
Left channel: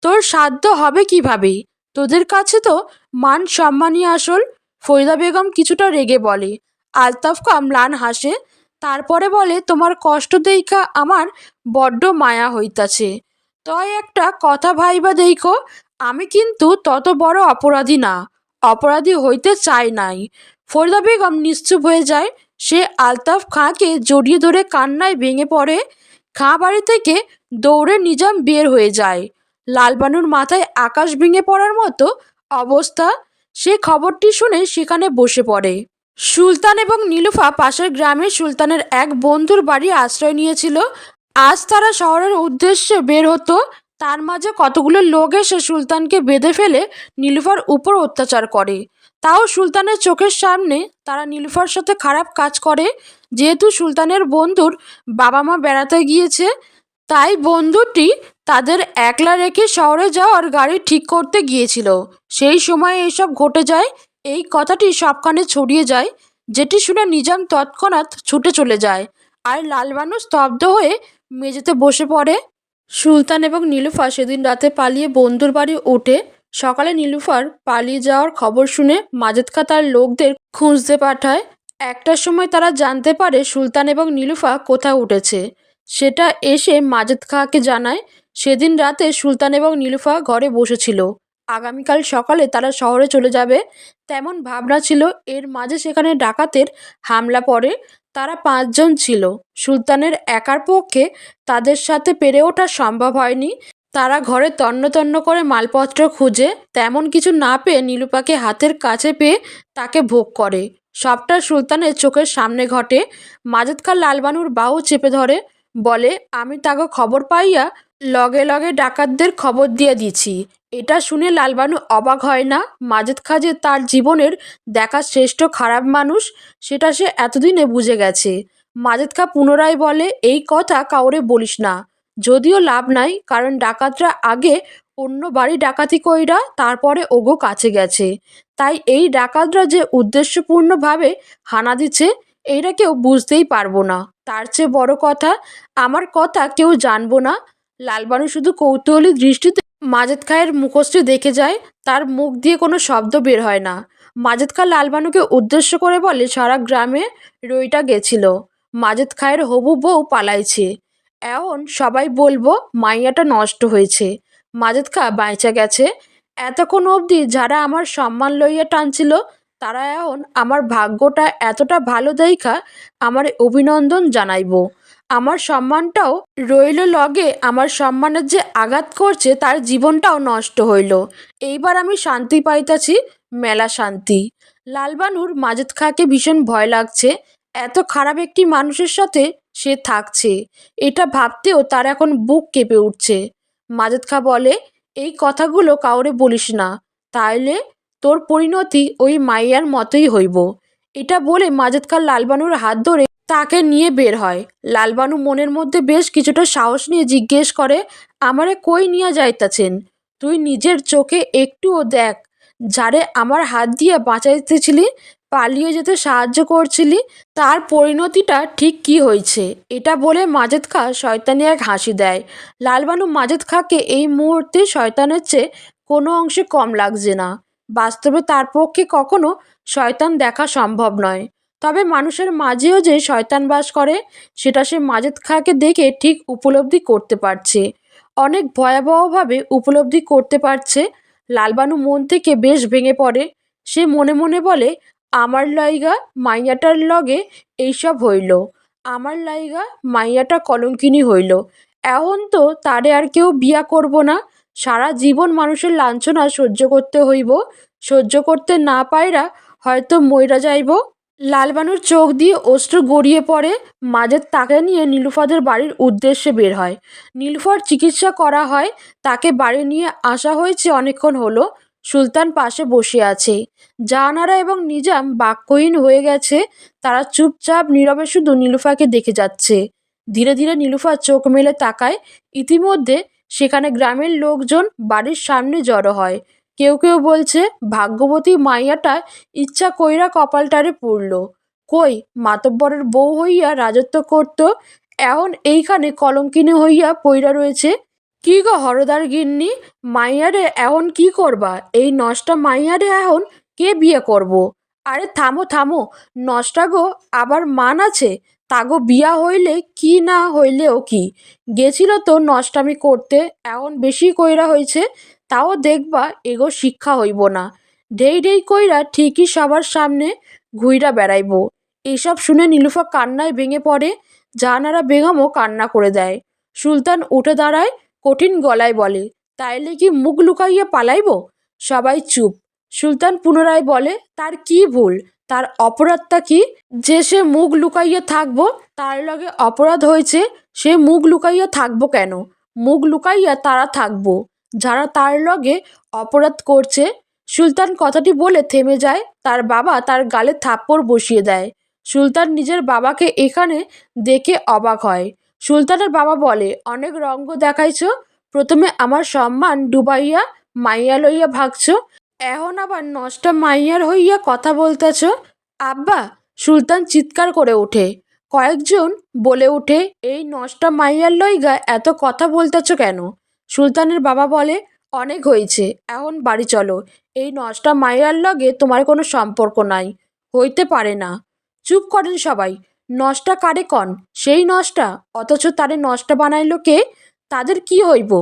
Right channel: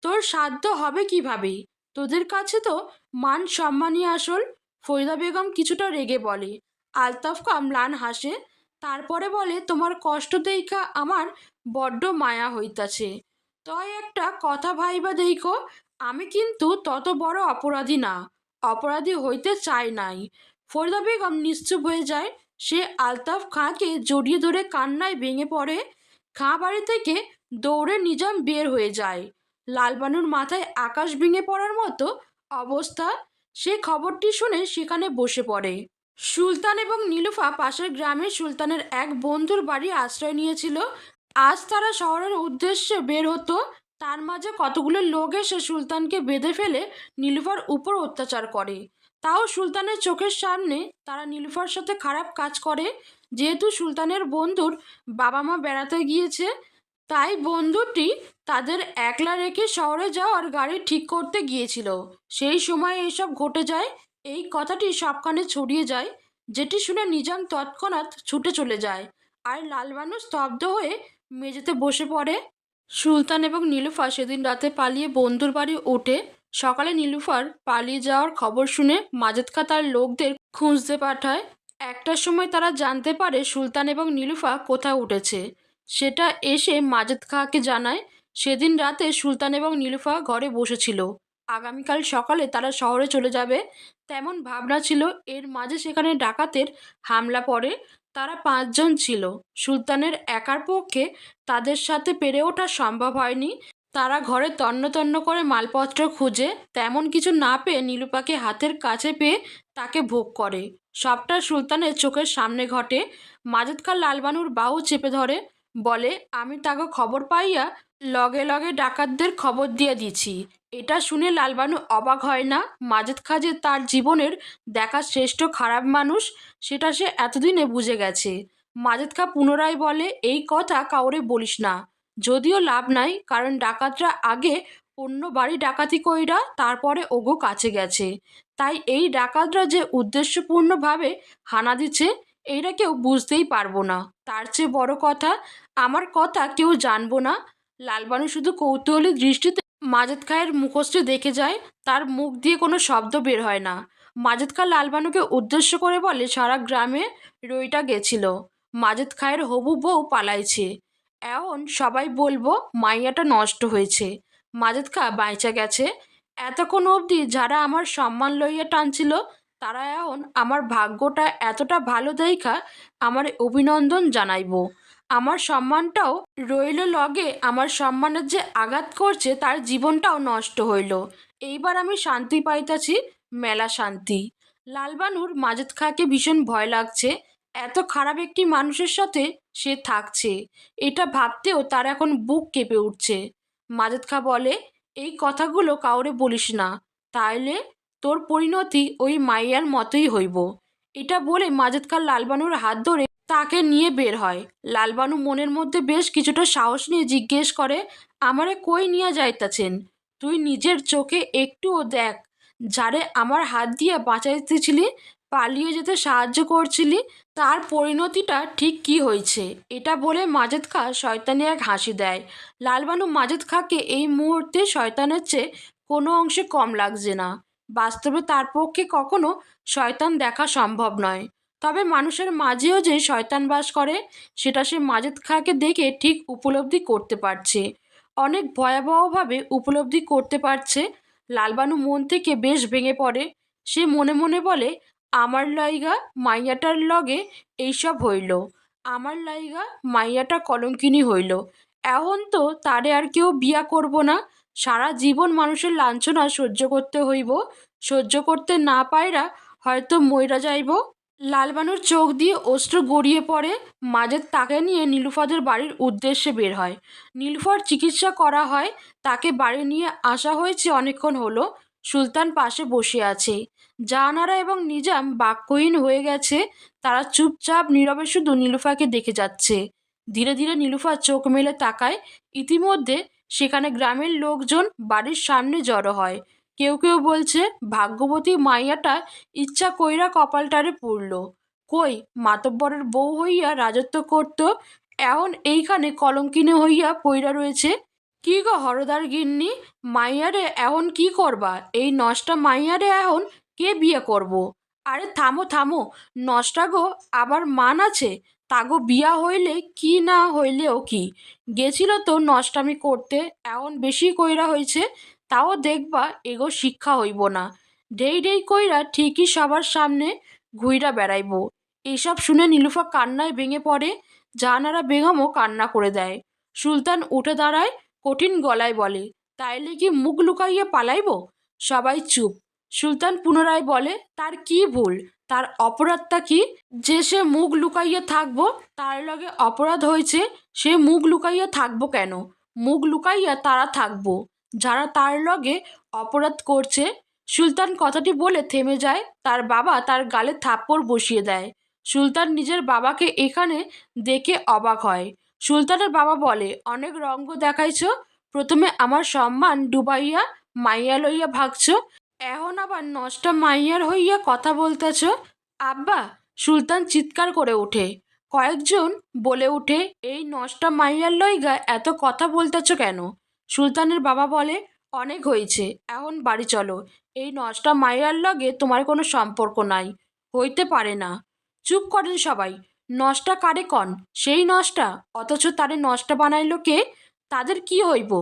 তোর সাধ্য হবে কিভাবে? তোদের কাছে তো মান সম্মানই আসল। ফরিদা বেগম কিছুটা রেগে বলে। আলতাফ খা ম্লান হাসে। তারপরে বলে, তোমার কষ্ট দেইখা আমার বড্ড মায়া হইতাছে। তয় একটা কথা ভাইবা দেইখো, আমি কিন্তু তত বড় অপরাধী না। অপরাধী হইতে চাই নাই। ফরিদা বেগম নিশ্চুপ হয়ে যায়। সে আলতাফ খাঁকে জড়িয়ে ধরে কান্নায় ভেঙে পড়ে। খাঁ বাড়ি থেকে দৌড়ে নিজাম বের হয়ে যায়। লালবানুর মাথায় আকাশ ভেঙে পড়ার মতো অবস্থা। সে খবরটি শুনে সেখানে বসে পড়ে। সুলতান এবং নীলুফা পাশের গ্রামে সুলতানের এক বন্ধুর বাড়ি আশ্রয় নিয়েছিল। আজ তারা শহরের উদ্দেশ্যে বের হতো। তার মাঝে কতগুলো লোক এসে সুলতানকে বেঁধে ফেলে নীলুফার উপর অত্যাচার করে। তাও সুলতানের চোখের সামনে তারা নীলুফার সাথে খারাপ কাজ করে। যেহেতু সুলতানের বন্ধুর বাবা মা বেড়াতে গিয়েছে, তাই বন্ধুটি তাদের একলা রেখে শহরে যাওয়ার গাড়ি ঠিক করতে গিয়েছিল। সেই সময় এইসব ঘটে যায়। এই কথাটি সবখানে ছড়িয়ে যায়, যেটি শুনে নিজাম তৎক্ষণাৎ ছুটে চলে যায়। আর লালবানু স্তব্ধ হয়ে মেঝেতে বসে পড়ে। সুলতান এবং নীলুফা সেদিন রাতে পালিয়ে বন্ধুর বাড়ি ওঠে। সকালে নীলুফার পালিয়ে যাওয়ার খবর শুনে মাজেদ খা তার লোকদের খুঁজতে পাঠায়। একটার সময় তারা জানতে পারে সুলতান এবং নীলুফা কোথাও উঠেছে। সেটা এসে মাজেদ খাঁকে জানায়। সেদিন রাতে সুলতান এবং নীলুফা ঘরে বসেছিল। আগামীকাল সকালে তারা শহরে চলে যাবে তেমন ভাবনা ছিল। এর মাঝে সেখানে ডাকাতের হামলা পড়ে। তারা 5 জন ছিল। সুলতানের একার পক্ষে তাদের সাথে পেরে ওঠা সম্ভব হয়নি। তারা ঘরে তন্ন তন্ন করে মালপত্র খুঁজে তেমন কিছু না পেয়ে নীলুফাকে হাতের কাছে পেয়ে তাকে ভোগ করে। সবটা সুলতানের চোখের সামনে ঘটে। মাজেদ খাঁ লালবানুর বাহু চেপে ধরে বলে, আমি তাকে খবর পাইয়া লগে লগে ডাকাতদের খবর দিয়ে দিছি। এটা শুনে লালবানু অবাক হয় না। মাজেদ খাঁ যে তার জীবনের দেখা শ্রেষ্ঠ খারাপ মানুষ সেটা সে এতদিনে বুঝে গেছে। মাজেদ খাঁ পুনরায় বলে, এই কথা কাউরে বলিস না। যদিও লাভ নাই, কারণ ডাকাতরা আগে অন্য বাড়ি ডাকাতি কইরা তারপরে ওগো কাছে গেছে। তাই এই ডাকাতরা যে উদ্দেশ্যপূর্ণভাবে হানা দিচ্ছে এইটা কেউ বুঝতেই পারবো না। তার চেয়ে বড় কথা, আমার কথা কেউ জানবো না। লালবানু শুধু কৌতূহলী দৃষ্টিতে মাজেদ খাঁয়ের মুখশ্রী দেখে যায়। তার মুখ দিয়ে কোনো শব্দ বের হয় না। মাজেদ খাঁ লালবানুকে উদ্দেশ্য করে বলে, সারা গ্রামে রইটা গেছিল, মাজেদ খাঁয়ের হবু বউ পালাইছে। এখন সবাই বলবো মাইয়াটা নষ্ট হয়েছে, মাজেদ খাঁ বাইচা গেছে। এতক্ষণ অবধি যারা আমার সম্মান লইয়া টানছিল তারা এখন আমার ভাগ্যটা এতটা ভালো দেইখা আমার অভিনন্দন জানাইব। আমার সম্মানটাও রইল লগে, আমার সম্মানের যে আঘাত করছে তার জীবনটাও নষ্ট হইল। এইবার আমি শান্তি পাইতাছি, মেলা শান্তি। লালবানুর মাজেদ খাঁকে ভীষণ ভয় লাগছে। এত খারাপ একটি মানুষের সাথে সে থাকছে, এটা ভাবতেও তার এখন বুক কেঁপে উঠছে। মাজেদ খাঁ বলে, এই কথাগুলো কাউরে বলিস না, তাইলে তোর পরিণতি ওই মাইয়ার মতোই হইব। এটা বলে মাজেদ খাঁ লালবানুর হাত ধরে তাকে নিয়ে বের হয়। লালবানু মনের মধ্যে বেশ কিছুটা সাহস নিয়ে জিজ্ঞেস করে, আমারে কই নিয়ে যাইতাছেন? তুই নিজের চোখে একটুও দেখ, যারে আমার হাত দিয়ে বাঁচাইতেছিলি, পালিয়ে যেতে সাহায্য করছিলি, তার পরিণতিটা ঠিক কি হয়েছে। এটা বলে মাজেদ খাঁ শয়তানি এক হাসি দেয়। লালবানু মাজেদ খাঁকে এই মুহূর্তে শয়তানের চেয়ে কোনো অংশে কম লাগছে না। বাস্তবে তার পক্ষে কখনো শয়তান দেখা সম্ভব নয়। তবে মানুষের মাঝেও যে শয়তান বাস করে সেটা সে মাজেদ খাঁকে দেখে ঠিক উপলব্ধি করতে পারছে, অনেক ভয়াবহভাবে উপলব্ধি করতে পারছে। লালবানু মন থেকে বেশ ভেঙে পড়ে। সে মনে মনে বলে, আমার লাইগা মাইয়াটার লগে এইসব হইল, আমার লাইগা মাইয়াটা কলঙ্কিনী হইল। এখন তো তারে আর কেউ বিয়া করব না। সারা জীবন মানুষের লাঞ্ছনা সহ্য করতে হইব। সহ্য করতে না পাইরা হয়তো মইরা যাইব। লালবানুর চোখ দিয়ে অশ্রু গড়িয়ে পড়ে। মাজেদ তাকে নিয়ে নীলুফাদের বাড়ির উদ্দেশ্যে বের হয়। নীলুফার চিকিৎসা করা হয়, তাকে বাড়ি নিয়ে আসা হয়েছে অনেকক্ষণ হলো। সুলতান পাশে বসে আছে। জাহানারা এবং নিজাম বাক্যহীন হয়ে গেছে। তারা চুপচাপ নীরবে শুধু নীলুফাকে দেখে যাচ্ছে। ধীরে ধীরে নীলুফা চোখ মেলে তাকায়। ইতিমধ্যে সেখানে গ্রামের লোকজন বাড়ির সামনে জড়ো হয়। কেউ কেউ বলছে, ভাগ্যবতী মাইয়াটা ইচ্ছা কইরা কপালটারে পুড়ল। কই মাতব্বরের বউ হইয়া রাজত্ব করত, এখন এইখানে কলঙ্কিনী হইয়া পইরা রয়েছে। কি গো হরদার গিন্নি, মাইয়ারে এখন কি করবা? এই নষ্টা মাইয়ারে এখন কে বিয়ে করব? আরে থামো থামো, নষ্টা গো আবার মান আছে? তাগো বিয়া হইলে কি না হইলেও কি, গেছিল তো নষ্টামি করতে, এখন বেশি কইরা হয়েছে। তাও দেখবা এগো শিক্ষা হইব না, ঢেই ঢেই কইরা ঠিকই সবার সামনে ঘুইরা বেড়াইব। এইসব শুনে নীলুফা কান্নায় ভেঙে পড়ে। জাহানারা বেগমও কান্না করে দেয়। সুলতান উঠে দাঁড়ায়, কঠিন গলায় বলে, তাইলে কি মুখ লুকাইয়া পালাইব? সবাই চুপ। সুলতান পুনরায় বলে, তার কি ভুল, তার অপরাধটা কি যে সে মুখ লুকাইয়া থাকবো? তার লগে অপরাধ হয়েছে, সে মুখ লুকাইয়া থাকবো কেন? মুখ লুকাইয়া তারা থাকবো যারা তার লগে অপরাধ করছে। সুলতান কথাটি বলে থেমে যায়। তার বাবা তার গালে থাপ্পড় বসিয়ে দেয়। সুলতান নিজের বাবাকে এখানে দেখে অবাক হয়। সুলতানের বাবা বলে, অনেক রঙ্গ দেখাইছ, প্রথমে আমার সম্মান ডুবাইয়া মাইয়া লইয়া ভাগছ, এখন আবার নষ্টা মাইয়ার হইয়া কথা বলতেছ। আব্বা, সুলতান চিৎকার করে ওঠে। কয়েকজন বলে ওঠে, এই নষ্টা মাইয়ার লইগা এত কথা বলতেছ কেন? সুলতানের বাবা বলে, অনেক হয়েছে, এখন বাড়ি চলো। এই নষ্টা মাইয়ার লগে তোমার কোনো সম্পর্ক নাই, হইতে পারে না। চুপ করেন সবাই। নষ্টা কারে কন? সেই নষ্টা, অথচ তারে নষ্টা বানাইল কে? তাদের কি হইব?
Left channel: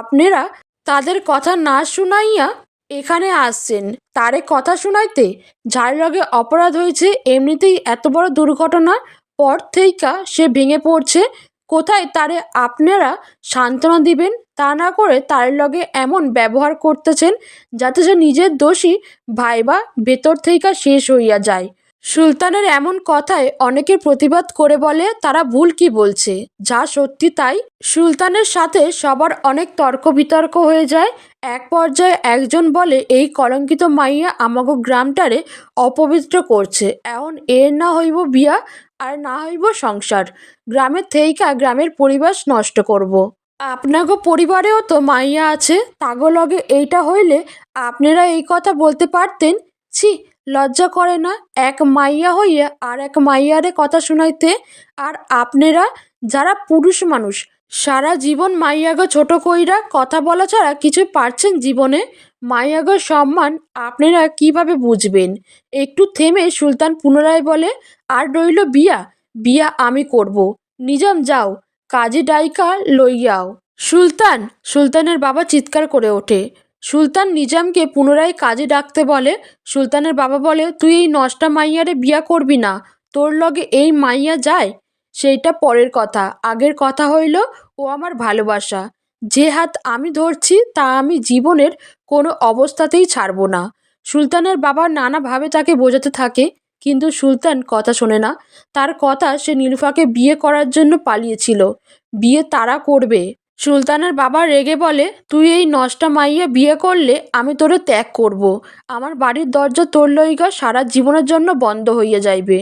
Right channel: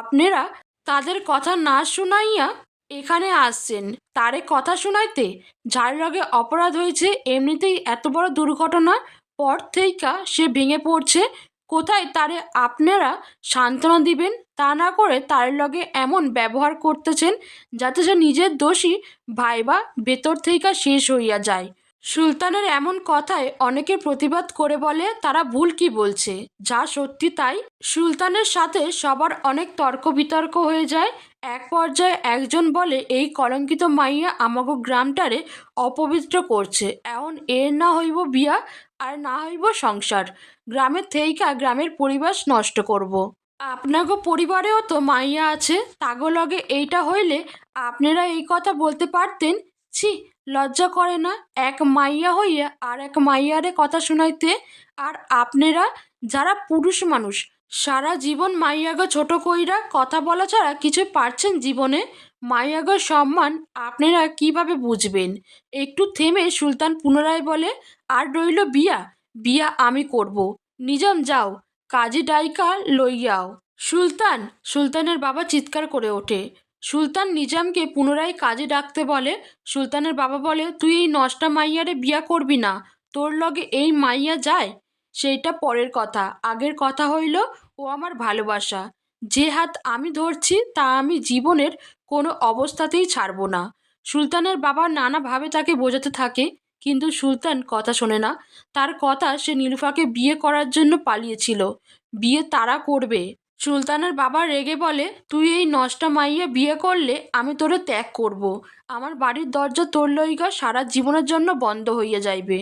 আপনারা তাদের কথা না শুনাইয়া এখানে আসছেন তারে কথা শুনাইতে? যার লগে অপরাধ হয়েছে এমনিতেই এত বড় দুর্ঘটনা পর থেইকা সে ভেঙে পড়ছে, কোথায় তারে আপনারা সান্ত্বনা দিবেন? তা না করে তার লগে এমন ব্যবহার করতেছেন যাতে সে নিজের দোষী ভাইবা ভেতর থেইকা শেষ হইয়া যায়। সুলতানের এমন কথায় অনেকে প্রতিবাদ করে বলে তারা ভুল কি বলছে, যা সত্যি তাই। সুলতানের সাথে সবার অনেক তর্ক বিতর্ক হয়ে যায়। এক পর্যায়ে একজন বলে এই কলঙ্কিত মাইয়া আমাগো গ্রামটারে অপবিত্র করছে, এখন এর না হইব বিয়া আর না হইব সংসার, গ্রামের থেইকা গ্রামের পরিবেশ নষ্ট করব। আপনাগো পরিবারেও তো মাইয়া আছে, তাগো লগে এইটা হইলে আপনারা এই কথা বলতে পারতেন? ছি, লজ্জা করে না এক মাইয়া হইয়া আর এক মাইয়ারে কথা শুনাইতে? আর আপনারা যারা পুরুষ মানুষ সারা জীবন মাইয়াগো ছোট কইরা কথা বলা ছাড়া কিছু পারছেন জীবনে? মাইয়াগো সম্মান আপনারা কিভাবে বুঝবেন? একটু থেমে সুলতান পুনরায় বলে, আর রইল বিয়া, বিয়া আমি করব। নিজাম যাও, কাজী ডাইকা লইয়াও। সুলতান! সুলতানের বাবা চিৎকার করে ওঠে। সুলতান নিজামকে পুনরায় কাজে ডাকতে বলে। সুলতানের বাবা বলে, তুই এই নষ্টা মাইয়ারে বিয়া করবি না, তোর লগে এই মাইয়া যায় সেইটা পরের কথা, আগের কথা হইল ও আমার ভালোবাসা, যে হাত আমি ধরছি তা আমি জীবনের কোনো অবস্থাতেই ছাড়ব না। সুলতানের বাবা নানাভাবে তাকে বোঝাতে থাকে, কিন্তু সুলতান কথা শোনে না। তার কথা সে নীলুফাকে বিয়ে করার জন্য পালিয়েছিল, বিয়ে তারা করবে। সুলতানের বাবা রেগে বলে, তুই এই নষ্টা মাইয়া বিয়ে করলে আমি তোরে ত্যাগ করব। আমার বাড়ির দরজা তোর লইগা সারা জীবনের জন্য বন্ধ হইয়া যাইবে।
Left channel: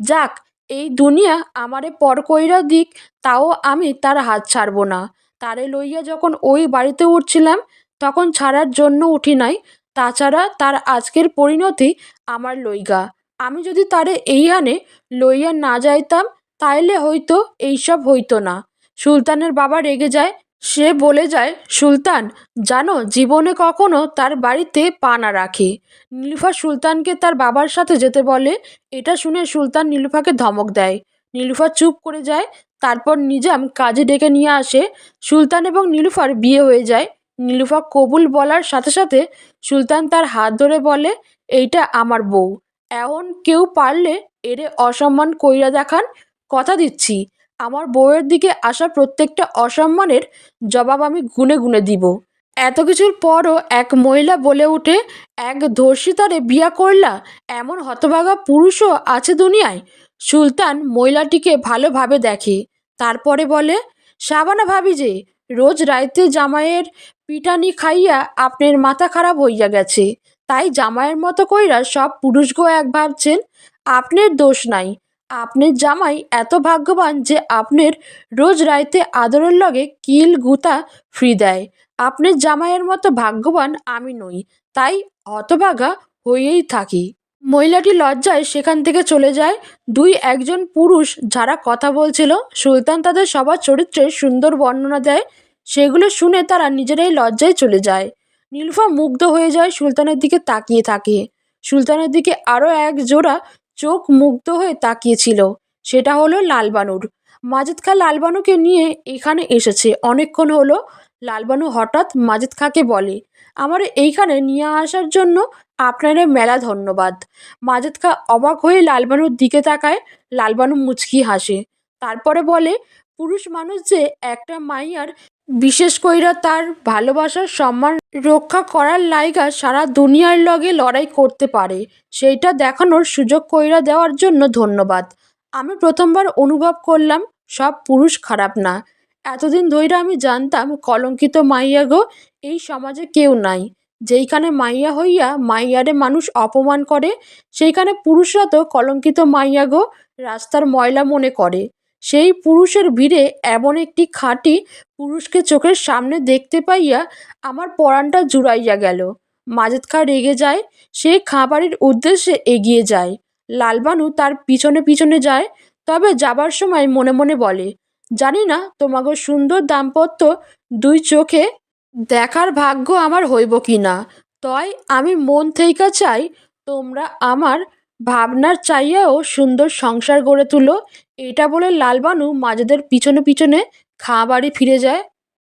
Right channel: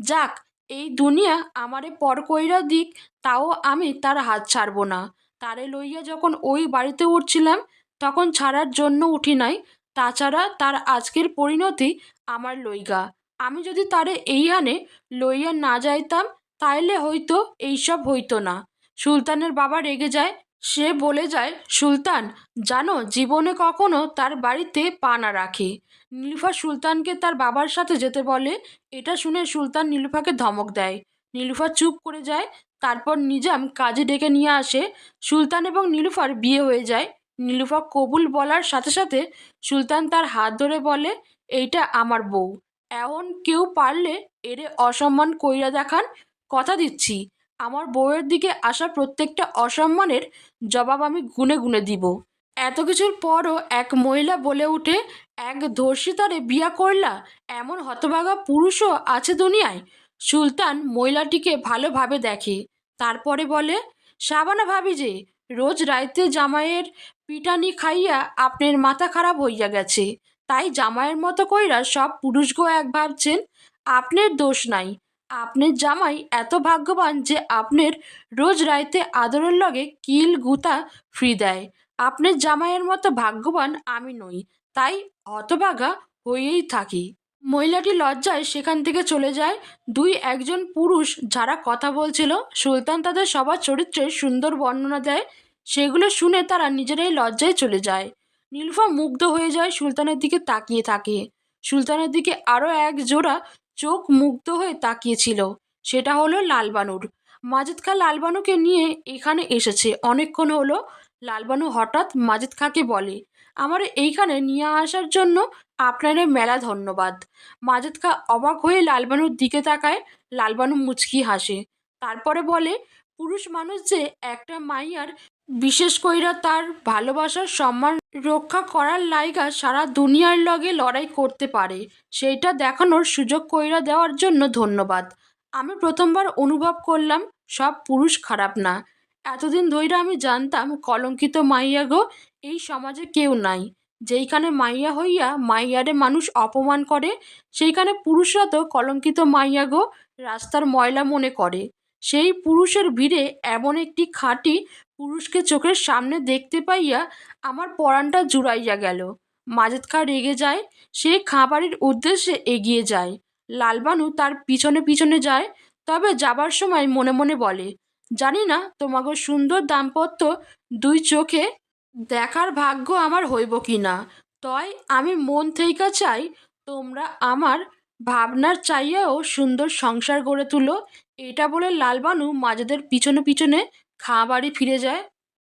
যাক, এই দুনিয়া আমারে পর কইরা দিক, তাও আমি তার হাত ছাড়ব না। তারে লইয়া যখন ওই বাড়িতে উঠছিলাম তখন ছাড়ার জন্য উঠি নাই, তাছাড়া তার আজকের পরিণতি আমার লইগা। আমি যদি তারে এইখানে লইয়া না যাইতাম তাইলে হয়তো এইসব হইতো না। সুলতানের বাবা রেগে যায়। সে বলে যায়, সুলতান জানো জীবনে কখনো তার বাড়িতে পা না রাখে। নীলুফা সুলতানকে তার বাবার সাথে যেতে বলে। এটা শুনে সুলতান নীলুফাকে ধমক দেয়। নীলুফা চুপ করে যায়। তারপর নিজাম কাজে ডেকে নিয়ে আসে। সুলতান এবং নীলুফার বিয়ে হয়ে যায়। নীলুফা কবুল বলার সাথে সাথে সুলতান তার হাত ধরে বলে, এইটা আমার বউ, এখন কেউ পারলে এরে অসম্মান কইরা দেখান, কথা দিচ্ছি আমার বউয়ের দিকে আসা প্রত্যেকটা অসম্মানের জবাব আমি গুনে গুনে দিব। এত কিছুর পরও এক মহিলা বলে ওঠে, এক ধর্ষিতারে বিয়া করলা? এমন হতভাগা পুরুষও আছে দুনিয়ায়? সুলতান মহিলাটিকে ভালোভাবে দেখে, তারপরে বলে, সাবানা ভাবি যে, রোজ রাইতে জামাইয়ের পিটানি খাইয়া আপনার মাথা খারাপ হইয়া গেছে, তাই জামাইয়ের মতো কইরা সব পুরুষগো এক ভাবছেন। আপনার দোষ নাই, আপনার জামাই এত ভাগ্যবান যে আপনার রোজ রাইতে আদরের লগে কিল গুতা ফ্রি দেয়। আপনার জামাইয়ের মতো ভাগ্যবান আমি নই, তাই হতভাগা হয়েই থাকি। মহিলাটি লজ্জায় সেখান থেকে চলে যায়। দুই একজন পুরুষ যারা কথা বলছিল, সুলতান তাদের সবার চরিত্রের সুন্দর বর্ণনা দেয়। সেগুলো শুনে তারা নিজেরাই লজ্জায় চলে যায়। নীলুফা মুগ্ধ হয়ে যায়, সুলতানের দিকে তাকিয়ে থাকে। সুলতানের দিকে আরও এক জোড়া চোখ মুগ্ধ হয়ে তাকিয়েছিল, সেটা হলো লালবানুর। মাজেদ খা লালবানুকে নিয়ে এখানে এসেছে অনেকক্ষণ হলো। লালবানু হঠাৎ মাজেদ খাকে বলে, আমার এইখানে নিয়ে আসার জন্য আপনারে মেলা ধন্যবাদ। মাজেদ খা অবাক হয়ে লালবানুর দিকে তাকায়। লালবানু মুচকি হাসে, তারপরে বলে, পুরুষ মানুষ যে একটা মাইয়ার, বিশেষ কইরা তার ভালোবাসার সম্মান রক্ষা করার লাইগা সারা দুনিয়ার লগে লড়াই করতে পারে, সেইটা দেখানোর সুযোগ কইরা দেওয়ার জন্য ধন্যবাদ। আমি প্রথমবার অনুভব করলাম সব পুরুষ খারাপ না। এতদিন ধইরা আমি জানতাম কলঙ্কিত মাইয়া গো এই সমাজে কেউ নাই। যেইখানে মাইয়া হইয়া মাইয়ারে মানুষ অপমান করে, সেইখানে পুরুষরা তো কলঙ্কিত মাইয়া গো রাস্তার ময়লা মনে করে। সেই পুরুষের ভিড়ে এমন একটি খাঁটি পুরুষকে চোখের সামনে দেখতে পাইয়া আমার পরাণটা জুড়াইয়া গেল। মাজেদ খা রেগে যায়। সে খাবারের উদ্দেশ্যে এগিয়ে যায়। লালবানু তার পিছনে পিছনে যায়, তবে যাবার সময় মনে মনে বলে, জানি না তোমাগো সুন্দর দাম্পত্য দুই চোখে দেখার ভাগ্য আমার হইব কি না, তয় আমি মন থেইকা চাই তোমরা আমার ভাবনার চাইয়াও সুন্দর সংসার গড়ে তুলো। এটা বলে লালবানু মাজেদের পিছনে পিছনে খাঁ বাড়ি ফিরে যায়।